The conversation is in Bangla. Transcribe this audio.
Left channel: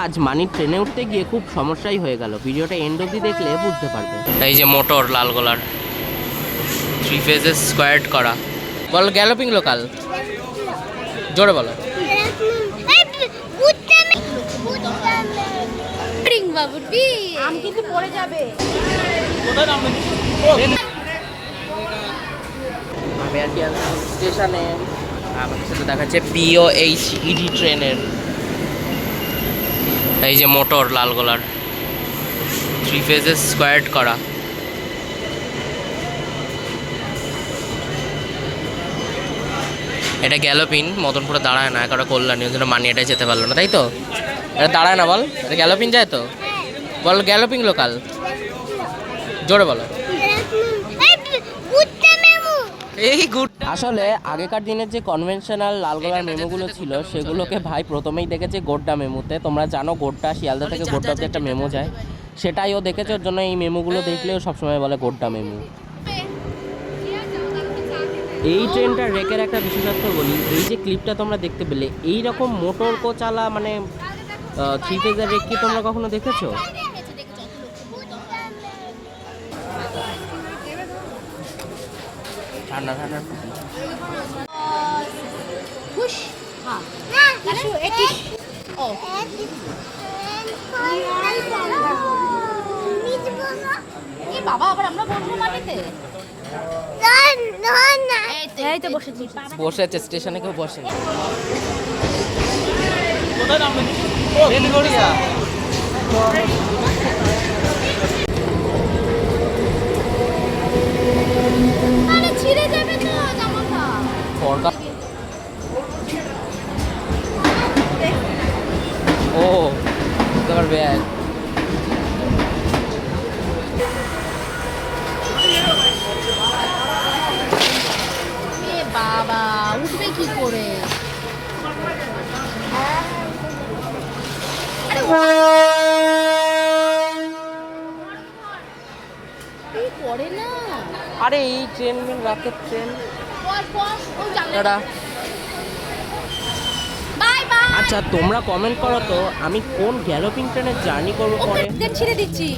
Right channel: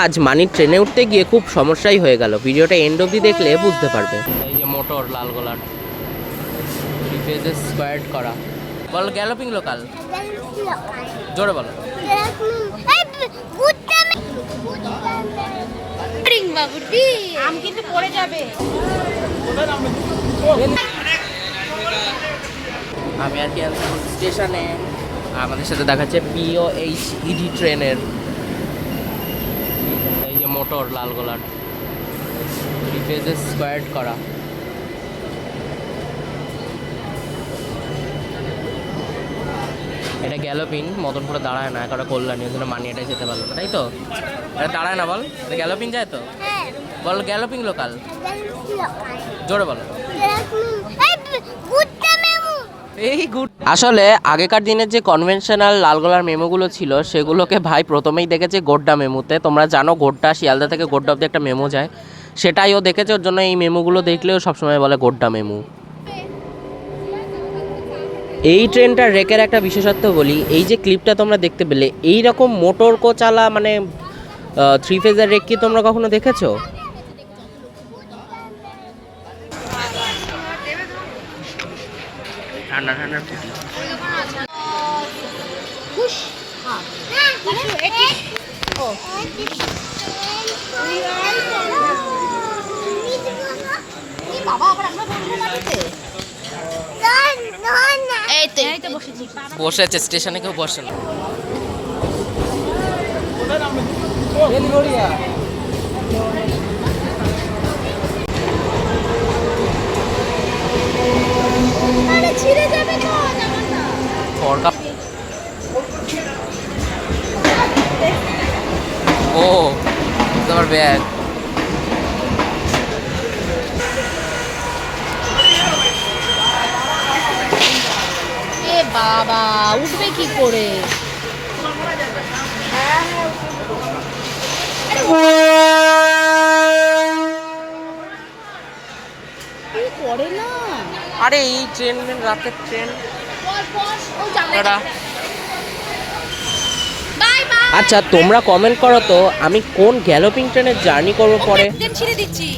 আজ মানির ট্রেনে উঠতে গিয়ে খুব সমস্যাই হয়ে গেল। ভিডিওটা এন্ড অবধি দেখলে বুঝতে পারবে। এই যে মোটর লালগোলার 3 ফেজেস স্কোয়ার্ড করা। বল গ্যালোপিং লোকাল, জোরে বলো। আমি কিন্তু পড়ে যাবে। আমি আর কি এখন স্টেশনে, আমাদের সাথে দেখাচ্ছে POHED ট্রেনের এই যে মোটর লালগোলার 3 ফেজেস স্কোয়ার্ড করা। এটা গ্যালোপিন, মদনপুরে দাঁড়ায় না, একটা কল্যাণী, ওই জন্য মানি এটাই যেতে পারলো না, তাই তো? এটা দাঁড়ায় না, বল। এটা গ্যালোপিন যায় তো, বল গ্যালোপিং লোকাল, জোরে বলো। এই গুড। আসলে আগেকার দিনের যে কনভেনশনাল লালগোলার মেমোগুলো ছিল সেগুলোকে ভাই প্রথমেই দেখেছে গোড্ডা মেমোতে। তোমরা জানো গোড্ডা, শিয়ালদা থেকে গোড্ডা অব্দি একটা মেমো যায়, সেটাই ও দেখেছে। ওর জন্য এই মেমোগুলো দেখলেও সবসময় বলে গোড্ডা মেমো। এই ট্রেনটার রেকের একটা বিশেষত্ব বলি, এই যে ক্লিপটা তোমরা দেখতে পেলে, এই রকম মোটর কোচালা মানে 3 ফেজের রেক কি তোমরা কখনো দেখেছো? ঠান্ডা ঠান্ডা বাবা, আবার আমরা বলবো মাটিতে। এই তো বসেছি। বসে আছে স্টেশনে, কেউ বসে না। ছিঁড়ে যাবে তো জামাটা। ও তোমার ব্যাগ। এ বাবা, উঠবে কি করে? করে না। আরে এই ট্রেন, রাতের ট্রেন। আচ্ছা তোমরা কমেন্ট করো তো, আমি কোন গ্যালোপিং ট্রেনের জার্নি করবো পরে। ছেড়ে দিচ্ছি।